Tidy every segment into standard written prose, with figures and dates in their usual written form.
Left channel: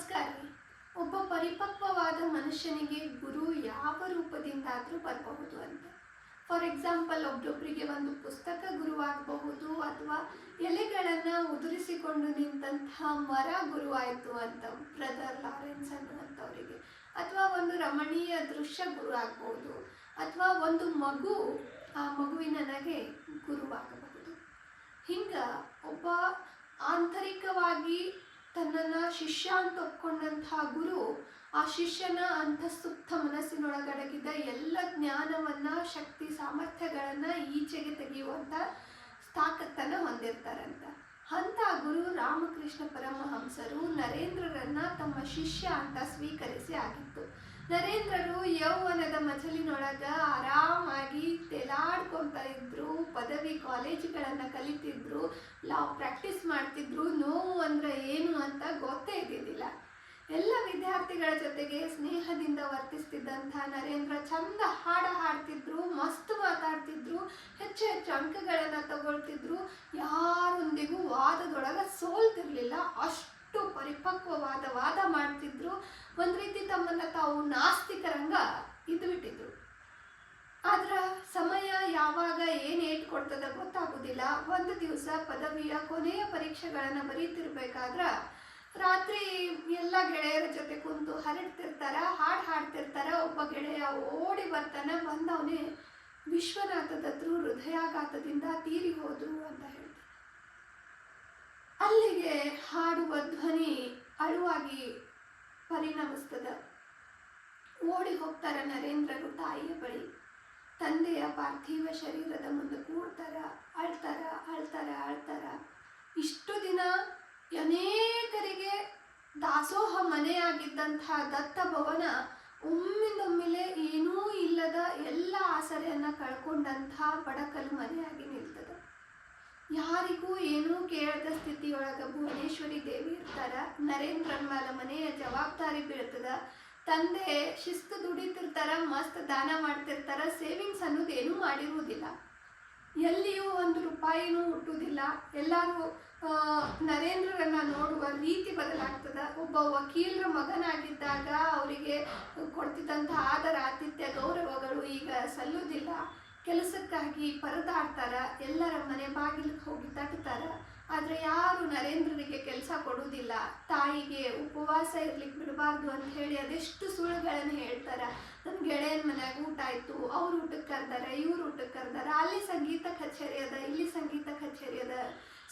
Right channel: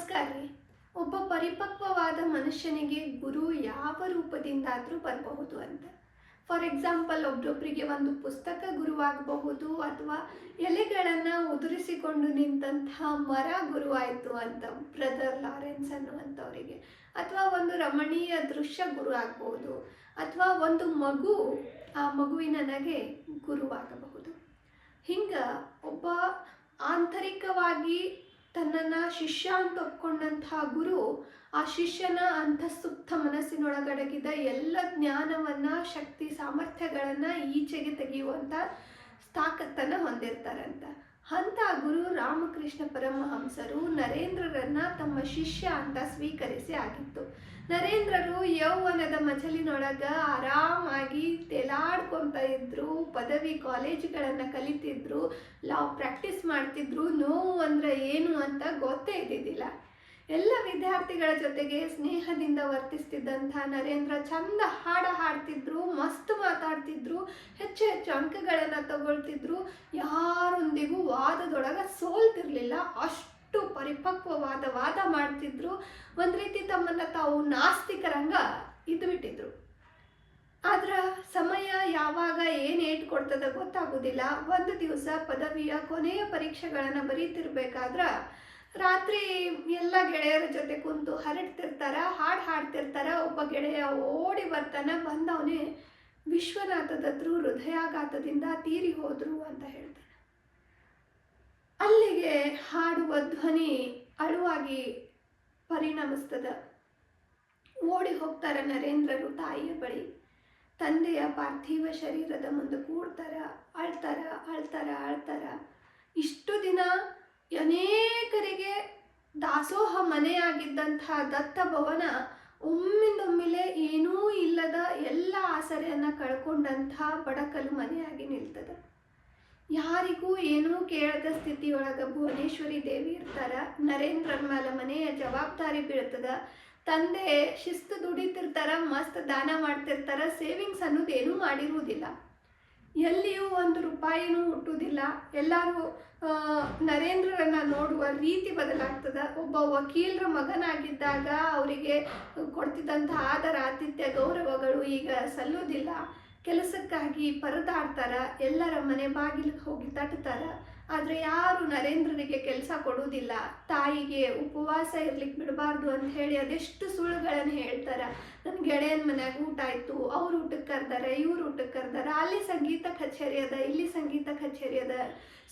ನಮಸ್ಕಾರ ರೀ. ಒಬ್ಬ ಪರಿಪಕ್ವವಾದ ಮನುಷ್ಯನಿಗೆ ಗುರು ಯಾವ ರೂಪದಿಂದಾದರೂ ಬರಬಹುದು ಅಂತ. ಫಾರ್ ಎಕ್ಸಾಂಪಲ್, ಒಬ್ಬೊಬ್ಬರಿಗೆ ಒಂದು ಪುಸ್ತಕ ಗುರುವಾಗಬಹುದು, ಅಥವಾ ಎಲೆಗಳನ್ನು ಉದುರಿಸಿಕೊಂಡು ನಿಂತಹ ಮರ ಗುರುವಾಯಿತು ಅಂತ ಬ್ರದರ್ ಲಾರೆನ್ಸ್ ಅನ್ನುವಂಥವರಿಗೆ, ಅಥವಾ ಒಂದು ರಮಣೀಯ ದೃಶ್ಯ ಗುರು ಆಗಬಹುದು, ಅಥವಾ ಒಂದು ಮಗು, ಆ ಮಗುವಿನ ನಗೆ ಗುರುವಾಗಬಹುದು. ಹಿಂಗೆ ಒಬ್ಬ ಆಂತರಿಕವಾಗಿ ತನ್ನನ್ನು ಶಿಷ್ಯ ಅಂತ ಒಪ್ಕೊಂಡಂತಹ ಗುರು ಆ ಶಿಷ್ಯನ ಅಂತಃಸುಪ್ತ ಮನಸ್ಸಿನೊಳಗಡಗಿದ ಎಲ್ಲ ಜ್ಞಾನವನ್ನು, ಶಕ್ತಿ, ಸಾಮರ್ಥ್ಯಗಳನ್ನು ಈಚೆಗೆ ತೆಗೆಯುವಂಥ ತಾಕತ್ತನ್ನು ಹೊಂದಿರ್ತಾರಂತ. ಅಂಥ ಗುರು ರಾಮಕೃಷ್ಣ ಪರಮಹಂಸರು ನರೇಂದ್ರರನ್ನು ತಮ್ಮ ಶಿಷ್ಯ ಅಂತ ಸ್ವೀಕರಿಸಿ ಆಗಿತ್ತು. ನರೇಂದ್ರರು ಯೌವನದ ಮಜಲಿನೊಳಗೆ ಆರಾಮಾಗಿ ತೇಲಾಡ್ಕೊತ ಇದ್ರು, ಪದವಿ ಕಾಲೇಜುಗಳನ್ನು ಕಲಿತಿದ್ರು, ಲಾವ್ ಪ್ರಾಕ್ಟೀಸ್ ಮಾಡ್ತಿದ್ರು. ನೋವು ಅಂದರೆ ಏನು ಅಂತ ಗೊತ್ತೇ ಇದ್ದಿದ್ದಿಲ್ಲ. ಎಲ್ಲ ವಿದ್ಯಾರ್ಥಿಗಳ ಜೊತೆಗೆ ಸ್ನೇಹದಿಂದ ವರ್ತಿಸ್ತಿದ್ದಂಥ ನರೇಂದ್ರ ಚಂದ ಹಾಡ್ತಿದ್ರು, ಮಸ್ತ್ ಮಾತಾಡ್ತಿದ್ರು, ಹೆಚ್ಚು ಹೆಚ್ಚು ಅಂಕಗಳನ್ನು ತಗೊಳ್ತಿದ್ರು, ಯಾರೊಂದಿಗೂ ವಾದದೊಳಗೆ ಸೋಲ್ತಿರ್ಲಿಲ್ಲ, ಅಷ್ಟು ಪರಿಪಕ್ವವಾದ ವಾದ ಮಾಡ್ತಿದ್ರು. ಒಂದು ರೀತಿ ತಮ್ಮನ್ನು ತಾವು ನಾಸ್ತಿಕರಂಗ ಇದ್ಬಿಟ್ಟಿದ್ರು. ಆದ್ರೆ ಸಮಯ ಯಾವಾಗ ಏನು ಏಟ್ ಕೊಡ್ತದ ಗೊತ್ತಾಗೋದಿಲ್ಲ. ಒಂದು ದಿವಸ ಪದವಿಯ ಕೊನೆಯ ಪರೀಕ್ಷೆಗಳನ್ನು ಬರೀತಿರ್ಬೇಕಾದ್ರೆ ರಾತ್ರಿ ಎಲ್ಲ ಗೆಳೆಯರ ಜೊತೆ ಕುಂತು ಹರಡ್ತಿರ್ತಾರ, ಹಾಡ್ತಿರ್ತಾರ. ಒಬ್ಬ ಗೆಳೆಯ ಓಡಿ ಬರ್ತಾನೆ, ಬಂದವನೇ ವಿಶ್ವನಾಥ ದತ್ತರು ಹೃದಯಾಘಾತದಿಂದ ತೀರಿ ಹೋದ್ರು ಅಂತ ಹೇಳ್ತಾನೆ. ಅಲ್ಲಿಗೆ ಹಾಡುವ ಧ್ವನಿ ಅಳುವಾಗಿ ಪರಿಣಮಿಸ್ತದ. ಓಡಿ ಹೋಗ್ತಾರ ನರೇಂದ್ರರು ತಾಯಿಯ ಬಳಿ. ತಂದೆಯ ಪಾರ್ಥಿವ ಶರೀರದ ಮುಂದೆ ಕೂಡ್ತಾರ, ಅಳ್ತಾರ. ಇಷ್ಟು ದಿನ ಅನೇಕರಿಗೆ ದಾಸೋಹ ಮನೆಯಾಗಿದ್ದಂತಹ ದತ್ತ ಭವನ ಒಮ್ಮಿಂದೊಮ್ಮಿಲೆ ಏನೂ ಇಲ್ಲದ ಎಲ್ಲ ಆಸರೆಯನ್ನು ಕಳ್ಕೊಂಡಂತಹ ಬಡಕಲು ಮನೆಯಾಗಿ ನಿಲ್ತದ. ಯಾರಿಗೂ ಏನೂ ಕೇಳದ ಸ್ಥಿತಿಯೊಳಗೆ ಭುವನೇಶ್ವರಿ ದೇವಿ ಇರ್ತಾರ. ನರೇಂದ್ರನ ಮೇಲೆ ಮನೆಯ ಜವಾಬ್ದಾರಿ ಬೀಳ್ತದ. ತಂದೆ ಶಿಸ್ತು ದುಡಿತಿರ್ತಾರ, ಮಸ್ತ್ ದಾನ ಮಾಡ್ತಿರ್ತಾರ. ಸೇವಿಂಗ್ಸ್ ಅನ್ನೋದು ಏನೂ ಮಾಡಿರುವುದಿಲ್ಲ, ಎಲ್ಲಿಯೂ ಒಂದು ರೂಪಾಯಿನೂ ಹುಟ್ಟುವುದಿಲ್ಲ. ಎಲ್ಲರೂ ನರೇಂದ್ರರನ್ನ ನೋಡುವ ರೀತಿ ಬದಲಾಗ್ತದ. ಒಬ್ಬ ವಕೀಲರ ಮಗನಾಗಿದ್ದಾಗ ಅವರಿಗೆ ಕೊಡ್ತಿದ್ದಂಥ ಆದರ, ಆತಿಥ್ಯ, ಗೌರವಗಳು ಈಗ ಸಲ್ಲೋದಿಲ್ಲ. ಕೆಲಸಕ್ಕಾಗಿ ಪರದಾಡ್ತಾರ, ಎಲ್ಲರ ಮನೆ ಬಾಗಿಲಿಗೆ ಹೋಗಿ ತಟ್ತಾರ. ಆದರೆ ಯಾರು ನರೇಂದ್ರರಿಗೆ ಕೆಲಸ ಕೊಡುವುದಿಲ್ಲ. ತಾಯಿಗೆ ಉಪವಾಸ ಇರ್ಲಿಕ್ಕೆ ಬಿಡಬಾರ್ದು ಅಂತ ಹೇಳಿ ಅದೆಷ್ಟು ಸುಳ್ಳುಗಳನ್ನು ಹೇಳ್ತಾರೆ. ನನ್ನ ಗೆಳೆಯನ ಮನ್ಯಾಗ ಊಟ ಆಯಿತು, ಅವ್ರು ಊಟಕ್ಕೆ ಕರೆದಾರೆ, ಇವ್ರು ಊಟಕ್ಕೆ ಕರೆದಾರೆ, ಅಲ್ಲಿ ಸಂಗೀತ ಕಚೇರಿ ಅದ, ಇಲ್ಲಿ ಸಂಗೀತ ಕಚೇರಿ ಅದ,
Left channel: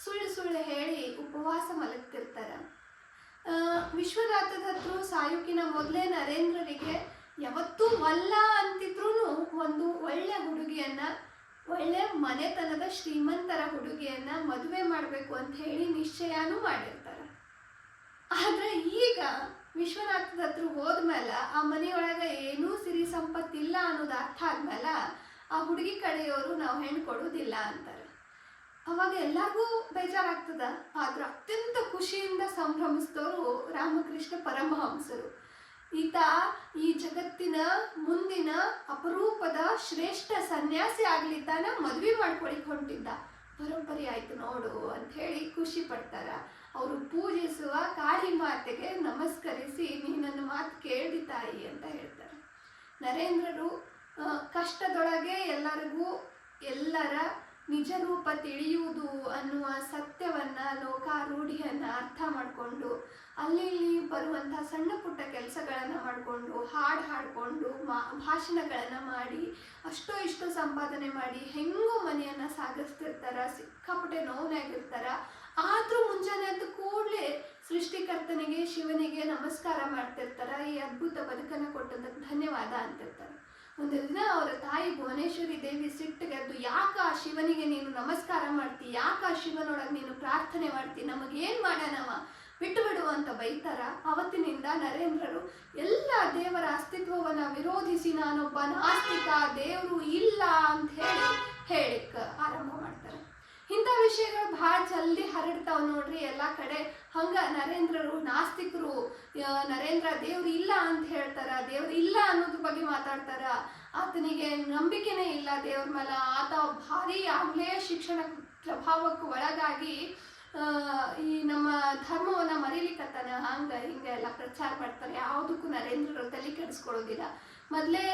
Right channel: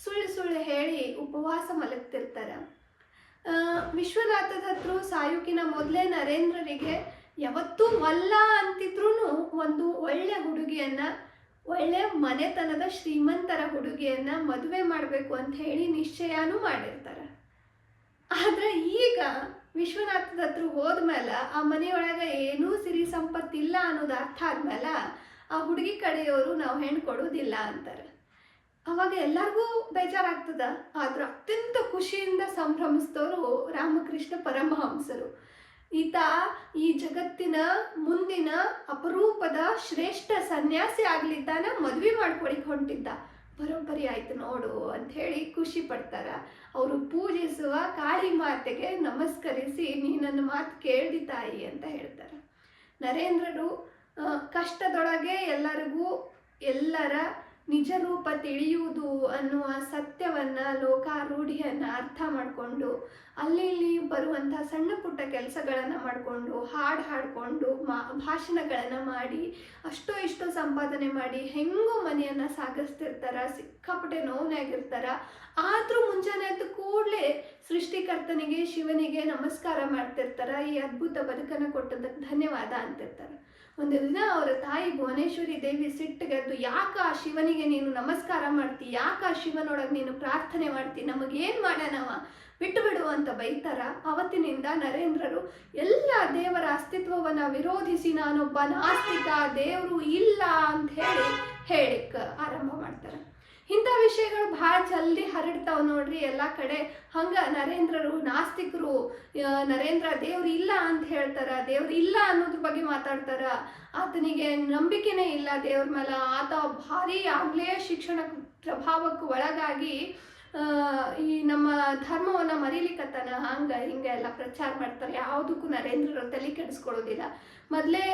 ಸುಳ್ಳು ಹೇಳಿ ಉಪವಾಸ ಮಲಗ್ತಿರ್ತಾರೆ. ವಿಶ್ವನಾಥ ದತ್ತರು ಸಾಯುಕಿನ ಮೊದಲೇ ನರೇಂದ್ರರಿಗೆ ಯಾವತ್ತೂ ವಲ್ಲ ಅಂತಿದ್ರೂ ಒಂದು ಒಳ್ಳೆ ಹುಡುಗಿಯನ್ನು, ಒಳ್ಳೆ ಮನೆತನದ ಶ್ರೀಮಂತರ ಹುಡುಗಿಯನ್ನು ಮದುವೆ ಮಾಡಬೇಕು ಅಂತ ಹೇಳಿ ನಿಶ್ಚಯನೂ ಮಾಡಿರ್ತಾರೆ. ಆದರೆ ಈಗ ವಿಶ್ವನಾಥ ದತ್ತರು ಹೋದ್ಮೇಲೆ ಆ ಮನೆಯೊಳಗೆ ಏನೂ ಸಿರಿ ಸಂಪತ್ತಿಲ್ಲ ಅನ್ನೋದು ಅರ್ಥ ಆದ್ಮೇಲೆ ಆ ಹುಡುಗಿ ಕಡೆಯವರು ನಾವು ಹೆಣ್ಣು ಕೊಡೋದಿಲ್ಲ ಅಂತಾರೆ. ಅವಾಗ ಎಲ್ಲರಿಗೂ ಬೇಜಾರಾಗ್ತದ. ಆದ್ರೆ ಅತ್ಯಂತ ಖುಷಿಯಿಂದ ಸಂಭ್ರಮಿಸಿದವರು ರಾಮಕೃಷ್ಣ ಪರಮಹಂಸರು. ಈತ ಈ ಜಗತ್ತಿನ ಮುಂದಿನ ಅಪರೂಪದ ಶ್ರೇಷ್ಠ ಸನ್ಯಾಸಿ ಆಗ್ಲಿದ್ದಾನ, ಮದುವೆ ಮಾಡ್ಕೊಳಿಕ್ ಹೊಂಟಿದ್ದ. ಬರೋಬ್ಬರಿ ಆಯ್ತು ನೋಡು ಅಂತ ಹೇಳಿ ಖುಷಿ ಪಡ್ತಾರ. ಅವರು ಪೂಜಿಸುವ ಕಾಳಿ ಮಾತೆಗೆ ನಮಸ್ಕರಿಸಿ, ನೀ ನನ್ನ ಮಾತು ಕೇಳ್ದಿ ತಾಯಿ ಅಂತ ಹೇಳ್ತಾರೆ. ನರೇಂದ್ರರು ಕಷ್ಟದೊಳಗೆ ಎಲ್ಲರ ನಿಜ ರೂಪ ತಿಳಿಯುವುದು ಅನ್ನುವ ಸತ್ಯವನ್ನು, ಲೋಕಾರೂಢಿಯನ್ನು ಅರ್ಥ ಮಾಡಿಕೊಂಡು ಅಲ್ಲಿ ಬರುವಂಥ ಸಣ್ಣ ಪುಟ್ಟ ಕೆಲಸಗಳನ್ನು ಮಾಡಿಕೊಂಡು, ಹಾಡಿಕೊಂಡು ಭಾಷಣಗಳನ್ನು ಮಾಡಿ ಅಷ್ಟೋ ಇಷ್ಟೋ ಸಂಪಾದನೆ ಮಾಡಿ ಹೆಂಗೋ ಮನೆಯನ್ನು ಸಾಗಿಸ್ತಿರ್ತಾರೆ. ಸಿಕ್ಕಾಪಟ್ಟೆ ನೋವಾಗಿರ್ತಾರೆ. ಆದರೂ ಮುಂಜಾನೆ ಎದ್ದ ಕೂಡಲೇ ಸೃಷ್ಟಿಕರ್ತನಿಗೆ, ಶಿವನಿಗೆ ನಮಸ್ಕಾರ ಮಾಡ್ತಿರ್ತಾರೆ. ಈ ಅದ್ಭುತ ಬದುಕನ್ನು ಕೊಟ್ಟದಕ್ಕೆ ಧನ್ಯವಾದ ಅಂತಿರ್ತಾರೆ. ಒಂದು ದಿನ ಅವರ ತಾಯಿ ಭುವನೇಶ್ವರಿ ದೇವಿ ಸಿಟ್ಟಿಗೆದ್ದು, ಯಾಕ ಆ ಶಿವನಿಗೆ ನೀನು ನಮಸ್ಕಾರ ಮಾಡ್ತಿ, ಯಾಕ ಆ ಶಿವನೊಳಗೆ ನೀನು ಪ್ರಾರ್ಥನೆ ಮಾಡ್ತಿ, ನಮಗೇನು ಮಾಡ್ಯಾನವ, ಬಿಟ್ಟು ಬಿಡು ಅಂತ ಬೈತಾರ. ಅವತ್ತಿನಿಂದ ನರೇಂದ್ರರು ಎಲ್ಲ ದೇವರ ಅಸ್ತಿತ್ವವನ್ನು ವಿರೋಧಿಸಿ ನಾನೊಬ್ಬ ನಾಸ್ತಿಕ, ದೇವರು ಇಲ್ಲ ಅಂತ ಹೇಳಿಕ್ಕೆ ಆರಂಭ ಮಾಡ್ತಾರೆ. ಇಂಥ ವಿಷಯಗಳು ಭಾಳ ಜಲ್ದಿ ಹರಡ್ತಾವೆ ನೋಡ್ರಿ ಎಲ್ಲ ಕಡೆ. ಹಂಗೆ ನರೇಂದ್ರರು ನಾಸ್ತಿಕರು, ನರೇಂದ್ರ ದೇವ್ರು ಇಲ್ಲ ಅಂತ ಹೇಳ್ತಾರ, ದೇವ್ರು ಇಲ್ಲ ಅನ್ನೋದ್ರ ಬಗ್ಗೆ ಮಾತಾಡ್ತಾರ. ಆತನಿಗೆ ನಂಬಿಕೆನೇ ಇಲ್ಲ ದೇವ್ರ ಮೇಲೆ. ಆತ ಭಾರಿ ಆಗಲೇ ಶಿಕ್ಷಣ ಪ್ರಭಾವಕ್ಕೆ ಒಳಗಾಗಿ ಈ ನಮ್ಮ ಧರ್ಮವನ್ನು ಮರೀಲಿಕ್ಕತ್ತಾನ ಹಂಗೆ ಹಿಂಗೆ ಎಲ್ಲ ಪ್ರಚಾರ ಮಾಡ್ತಾರೆ. ಯಾವುದಕ್ಕೂ ನರೇಂದ್ರರು ತಲೆ ಕೆಡಿಸ್ಕೊಳ್ಳೋದಿಲ್ಲ. ಮೊದಲೇ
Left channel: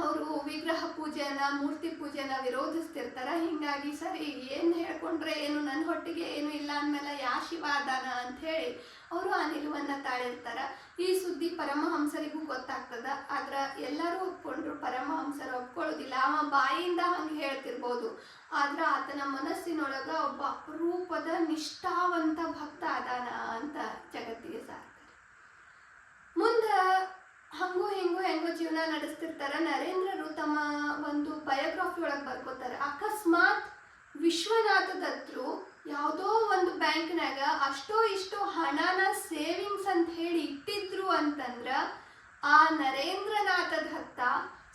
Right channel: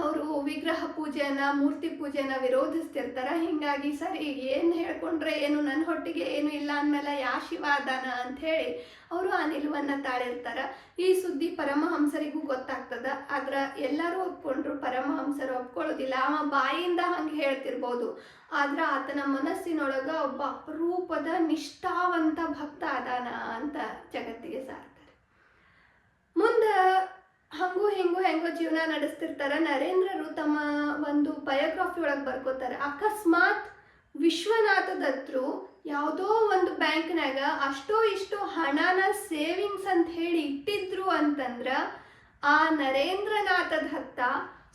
ಅವರು ವಿಗ್ರಹ ಪೂಜೆಯನ್ನು ಮೂರ್ತಿ ಪೂಜೆಯನ್ನು ವಿರೋಧಿಸ್ತಿರ್ತಾರೆ. ಹೀಗಾಗಿ ಸರಿ ಏನು ಹೇಳ್ಕೊಂಡ್ರೆ ಏನು ನನ್ನ ಹೊಟ್ಟಿಗೆ ಏನು ಇಲ್ಲ ಅಂದಮೇಲೆ ಯಾ ಶಿವ ಅದಾನ ಅಂಥೇಳಿ ಅವರು ಆ ನಿಲುವನ್ನು ತಾಳಿರ್ತಾರೆ. ಈ ಸುದ್ದಿ ಪರಮಹಂಸರಿಗೂ ಗೊತ್ತಾಗ್ತದ. ಆದ್ರೆ ಎಲ್ಲರೂ ಒಪ್ಕೊಂಡ್ರು, ಪರಮಹಂಸರು ಒಪ್ಕೊಳ್ಳೋದಿಲ್ಲ. ಅವ ಬಾಯಿಂದ ಹಂಗೆ ಹೇಳ್ತಿರ್ಬೋದು, ಆದ್ರೆ ಆತನ ಮನಸ್ಸಿನೊಳಗೆ ಒಬ್ಬ ಅಪರೂಪದ ನಿಷ್ಠಾವಂತ ಭಕ್ತ ಅದಾನ ಅಂತ ಜಗತ್ತಿಗೆ ಸಾರ್ತಾರೆ. ಮುಂದೆ ಹಂಗೂ ಹೆಂಗೋ ಜೀವನ ನಡೆಸ್ತಿರ್ತಾರೆ. ನರೇಂದ್ರರು ತಮ್ಮ ಒಂದು ಬಯೋಗ್ರಫಿ ಒಳಗೆ ಬರ್ಕೋತಾರೆ, ಅಕಸ್ಮಾತ್ ವಿಶ್ವನಾಥ ದತ್ತರು ಯಾವುದೋ ಒಂದು ಬ್ಯಾಂಕ್ನಾಗ ಅಷ್ಟೋ ಇಷ್ಟೋ ಹಣನ ಸೇವಿಂಗ್ಸ್ ಅಂತ ಹೇಳಿ ಇಟ್ಟಿದ್ರು ಅಂತಂದ್ರೆ ಆ ನರೇಂದ್ರನಾಥ ದತ್ತ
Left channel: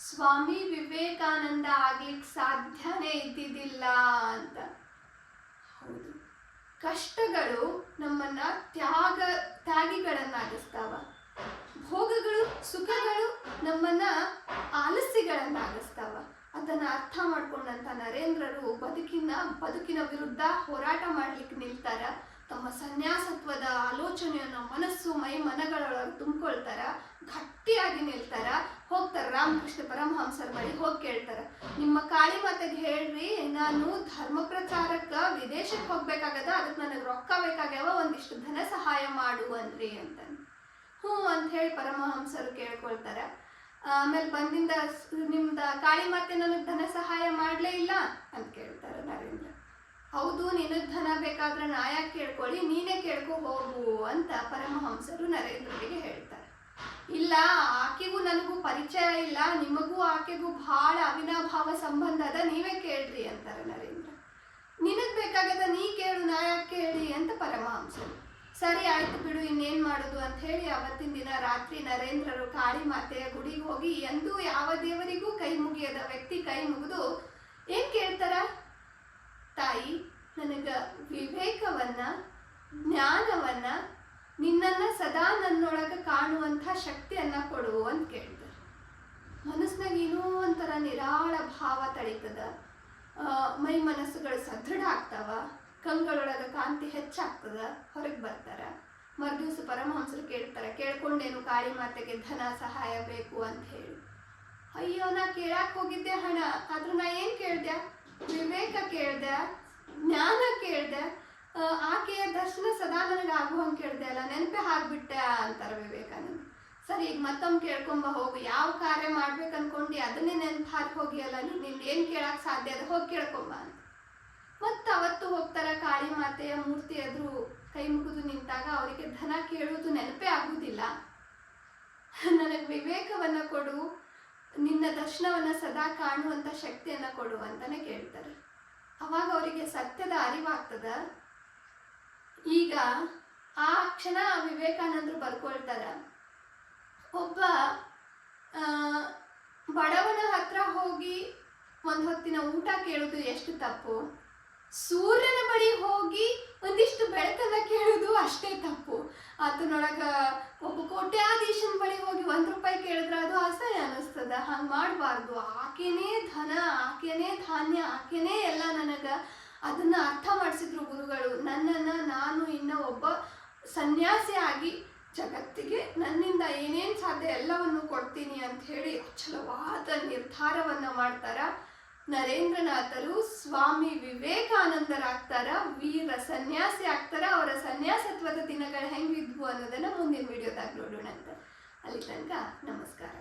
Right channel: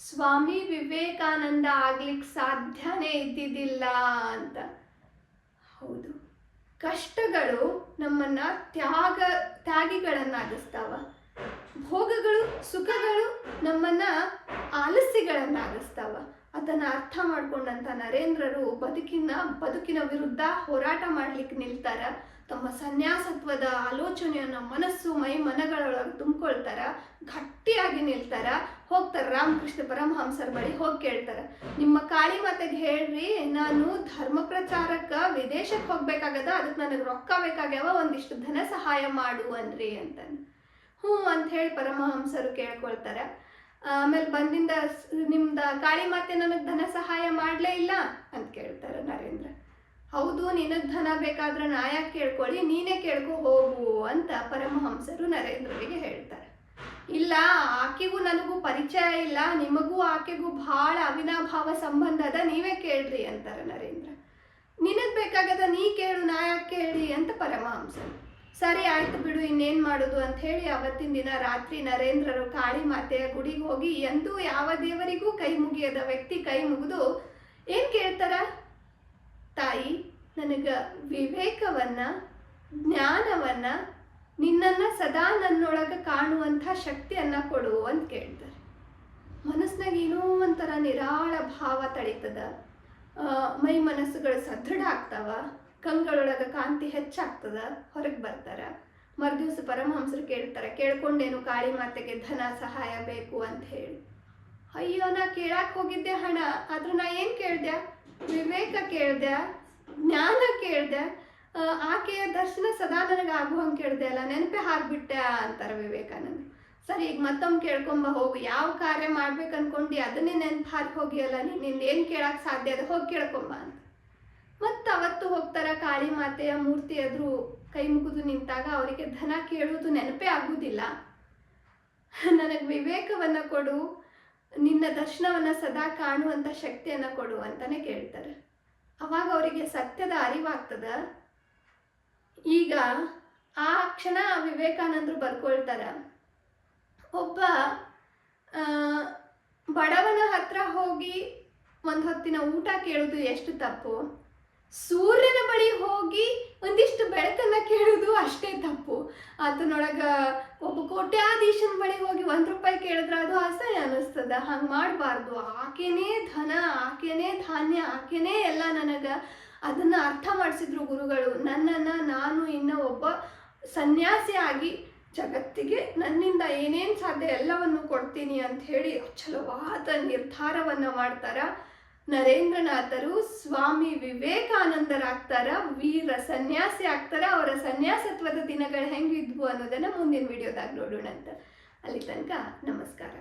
ಸ್ವಾಮಿ ವಿವೇಕಾನಂದ ಆಗ್ಲಿಕ್ಕೆ ಸಾಧ್ಯನೇ ಇದ್ದಿದ್ದಿಲ್ಲ ಅಂತ. ಹೌದು, ಕಷ್ಟಗಳು ನಮ್ಮನ್ನ ತ್ಯಾಗಿಗಳನ್ನಾಗಿಸ್ತಾವ. ಭೋಗಗಳು ಸುಖಗಳು ನಮ್ಮನ್ನ ಆಲಸ್ಯಗಳನ್ನಾಗಿಸ್ತಾವ. ಅದನ್ನು ಅರ್ಥ ಮಾಡ್ಕೊಂಡಂಥ ನರೇಂದ್ರರು ಬದುಕಿನ ವಿರುದ್ಧ ಹೋರಾಟ ಮಾಡ್ಲಿಕ್ಕೆ ನಿಲ್ತಾರ. ತಮ್ಮ ಸನ್ಯಾಸತ್ವದ ಆಲೋಚನೆಯನ್ನು ಮನಸ್ಸು ಮೈ ಮನಗಳೊಳಗೆ ತುಂಬಿಕೊಳ್ತಾರ, ಗಟ್ಟಿಯಾಗಿ ನಿಲ್ತಾರ. ಹೋಗ್ತಾರೆ ರಾಮಕೃಷ್ಣ ಪರಮಹಂಸರ ಬಳಿ ಹೋಗಿ ಕೇಳ್ತಾರೆ, ನಿಮ್ಮ ಕಾಳಿ ಮಾತೆಗೆ ಹೇಳ್ರಿ, ನಾನು ಧರ್ಮ ಪ್ರಚಾರಕ್ಕೆ ವಿದೇಶಕ್ಕೆ ಹೋಗ್ಬೇಕಾಗದ, ಅದಕ್ಕೆ ನನಗೆ ರೊಕ್ಕ ಬೇಕಾಗ್ಯಾವ, ಒಂದಿಷ್ಟು ಧನ ಸಹಾಯ ಮಾಡು ಅನ್ರಿ ಅಂತ. ಹ್ಞೂ ಅಂತ ಹೇಳಿ ಪರಮಹಂಸರು ಕೇಳ್ಕೊಳ್ತಾರೆ. ಆಮೇಲೆ ಬಂದಿಂದ ನಿಮ್ದು ಕಾಳಿ ಮಾತೆ ನನಗೆ ಧನ ಸಹಾಯ ಮಾಡಲೇ ಇಲ್ಲ ಅಂತ ಕೇಳ್ತಾರೆ ನರೇಂದ್ರ. ಹೌದು, ನಿನಗೆ ಧನ ಬೇಕಾದ್ರೆ ನಾ ಯಾಕೆ ಕೇಳ್ಕೊಳ್ಳಿ, ನೀನೇ ಕೇಳ್ಕೊ ಹೋಗು ಅಂತ ಪರಮಹಂಸರು ನರೇಂದ್ರರಿಗೆ ಹೇಳ್ತಾರೆ. ಇಲ್ಲ, ಆಕೆಗೂ ನನಗೂ ಪರಿಚಯ ಇಲ್ಲ, ನಿಮಗೂ ಆಕೆಗೂ ಭಾಳ ಅವಿನಾಭಾವ ಸಂಬಂಧ ಅದ, ನೀವೇ ಕೇಳ್ರಿ ಅಂತಾರೆ ನರೇಂದ್ರ. ನಿನಗೆ ಬೇಕಾಗದ ನೀ ಕೇಳು, ನಾ ಯಾಕೆ ಕೇಳಿ ಅಂತ ಪರಮಹಂಸರು. ಸರಿ ಆಯ್ತು ಬಿಡು, ಇನ್ನೇನು ಮಾಡೋದು ಅಂತ ಹೇಳಿ ಅವತ್ತಿನ ದಿನ ರಾತ್ರಿ ನರೇಂದ್ರರು ಕಾಳಿ ಮಾತೆಯ ಗುಡಿಗೆ ಹೋಗಿ, ಎಂದೂ ಯಾವ ದೇವರಿಗೂ ಕೈ ಮುಗಿಯದ ವ್ಯಕ್ತಿ ಕೈ ಮುಗಿದು ಏನು ಕೇಳ್ತಾರ, ತಾಯಿ ನನಗೆ ವಿವೇಕವನ್ನ ಜ್ಞಾನವನ್ನ ನಿನ್ನನ್ನು ಸದಾ ನನ್ನೊಳಗೆ ಕಾಣುವಂಥ ಶಕ್ತಿಯನ್ನು ಕೊಡು ಅಂತ ಕೇಳ್ತಾರೆ. ಮನಸ್ಸಿನಾಗ ಏನೋ ಒಂಥರ ನಿರಾಳ ಭಾವ ತಳೀತದ, ಮೈ ಮನಸ್ಸುಗಳು ಸದೃಢ ಆಗ್ತಾವ, ಕಂಗಳೊಳಗೆ ಕಾಂತಿ ಹೆಚ್ಚಾಗ್ತದ, ಹೊರಗೆ ಬರ್ತಾರ. ಮರುದಿವ್ಸ ಪರಮಹಂಸರು ಕೇಳ್ತಾರೆ, ಕೇಳ್ಕೊಂಡೇನು ಕಾಳಿ ಮಾತೆಗೆ ಧನ ಸಹಾಯ ಬೇಕು ಅಂತ ಹೇಳಿ. ಅಯ್ಯೋ, ನಾ ಕೇಳಕ್ಕೆ ಹೋಗಿದ್ದೆ ಹಣ, ಆದ್ರೆ ನಾ ಏನು ಕೇಳ್ದೆ, ವಿವೇಕ ಕೇಳ್ದೆ, ಜ್ಞಾನ ಕೇಳ್ದೆ, ಆಕೆಯ ದರ್ಶನ ಸದಾ ನನಗೆ ಆಗುವಂಗೆ ಕೇಳ್ದೆ ಅಲ್ಲ, ನೆನಪೇ ಹಾಕ್ಬಿಟ್ಟೆ ಅಂತಾರೆ ವಿವೇಕಾನಂದ. ಸರಿ, ಈಗ ಮತ್ತೊಮ್ಮೆ ಕೇಳ್ಕೊಂಬ ಹೋಗು, ಯಾವ ಕಾರ್ಯ ಮಾಡ್ಬೇಕು ಅನ್ಕೊಂಡು ಅದನ್ನೇ ನೆನಪು ಹಾಕಿ ಹೋಗಿಯಲ್ಲ, ನಿನ್ನ ಏನು ಕೇಳಕ್ಕೆ ಸಾಧ್ಯ ಅದ, ಹೋಗಿ ಕೇಳ್ಕೊಂಬ ಅಂತ. ಮತ್ತು ಅವತ್ತು ಹೋಗ್ತಾರ ಕಾಳಿ ಮಾತೆಯ ಮೂರ್ತಿ ಎದುರು ಕೈ ಮುಗಿದು ನಿಂತಾಗ ಅವರಿಗೆ ಧನ ಕೇಳುವುದು ನೆನಪೇ ಆಗುವುದಿಲ್ಲ. ನನಗೆ ವಿವೇಕವನ್ನು ಕೊಡು, ನಿನ್ನ ದರ್ಶನವನ್ನು ಸದಾ ಕಾಣುವಂಥ ಶಕ್ತಿಯನ್ನು ಕೊಡು ಅಂತಾನೆ ಕೇಳ್ತಾರೆ. ಅವಾಗ ಅವರಿಗೆ ಸತ್ಯದ ಅರಿವಾಗ್ತದ. ಈಗ ಆ ಕ್ಷಣ ವಿವೇಕಾನಂದರು ಬರ್ಕೊಳ್ತಾರ, ಒಬ್ಬ ಬಡವನ ಹತ್ರ ಹೋಗಿ ಒಂದು ಹೊತ್ತಿನ ಊಟ ಕೇಳೋದು ಎಷ್ಟು ತಪ್ಪು, ಸೂರ್ಯನ ಬಳಿ ಹೋಗಿ ಒಂದಿಷ್ಟು ಬೆಳಕನ್ನು ಕೇಳೋದು ಅಷ್ಟೇ ತಪ್ಪು. ಅದನ್ನೊಳಗೆ ಒಬ್ಬ ಕೋಟ್ಯಾಧೀಶನ ಬಳಿ ಹೋಗಿ 1 ರೂಪಾಯಿ ಕೇಳಿದ್ರೆ ಅದು ಅಸಹ್ಯ ಅನ್ನಿಸ್ತದ. ಹಂಗೆ ಮಾಡಬಾರ್ದು. ಆಕೆನೇ ಧನ, ಆಕೆನೇ ಧಾನ್ಯ, ಆಕೆನೇ ಎಲ್ಲ ನನಗೆ. ಅದನ್ನು ಅರ್ಥ ಮಾಡಿಸಿದ್ರು ಗುರುಗಳು. ನನ್ನನ್ನು ನಾನು ಇನ್ನೂ ಒಬ್ಬ ಸನ್ಯಾಸಿ ಆಗಿ ಜಗತ್ತಿಗೆ ನನ್ನಿಂದ ಏನೇನು ಸಾಧ್ಯ ಎಲ್ಲವನ್ನು ಕೊಡ್ತೀನಿ ಅಂತ ಹೇಳಿ ಅಚಲವಾದ ನಿರ್ಧಾರವನ್ನು ಮಾಡ್ತಾರ. ನರೇಂದ್ರನಾಥರು ಸ್ವಾಮಿ ವಿವೇಕಾನಂದರಾಗ್ತಾರ, ವೀರ ಸನ್ಯಾಸಿ ಆಗ್ತಾರ. ಅವರ ಸನ್ಯಾಸತ್ವದ ದಿನಗಳು ಹೆಂಗಿದ್ವು ಅನ್ನೋದನ್ನು ಮುಂದಿನ ವಿಡಿಯೋದಾಗ ನೋಡೋಣ ಅಂತ. ಅಲ್ಲಿ ತನಕ ನಮಸ್ಕಾರ.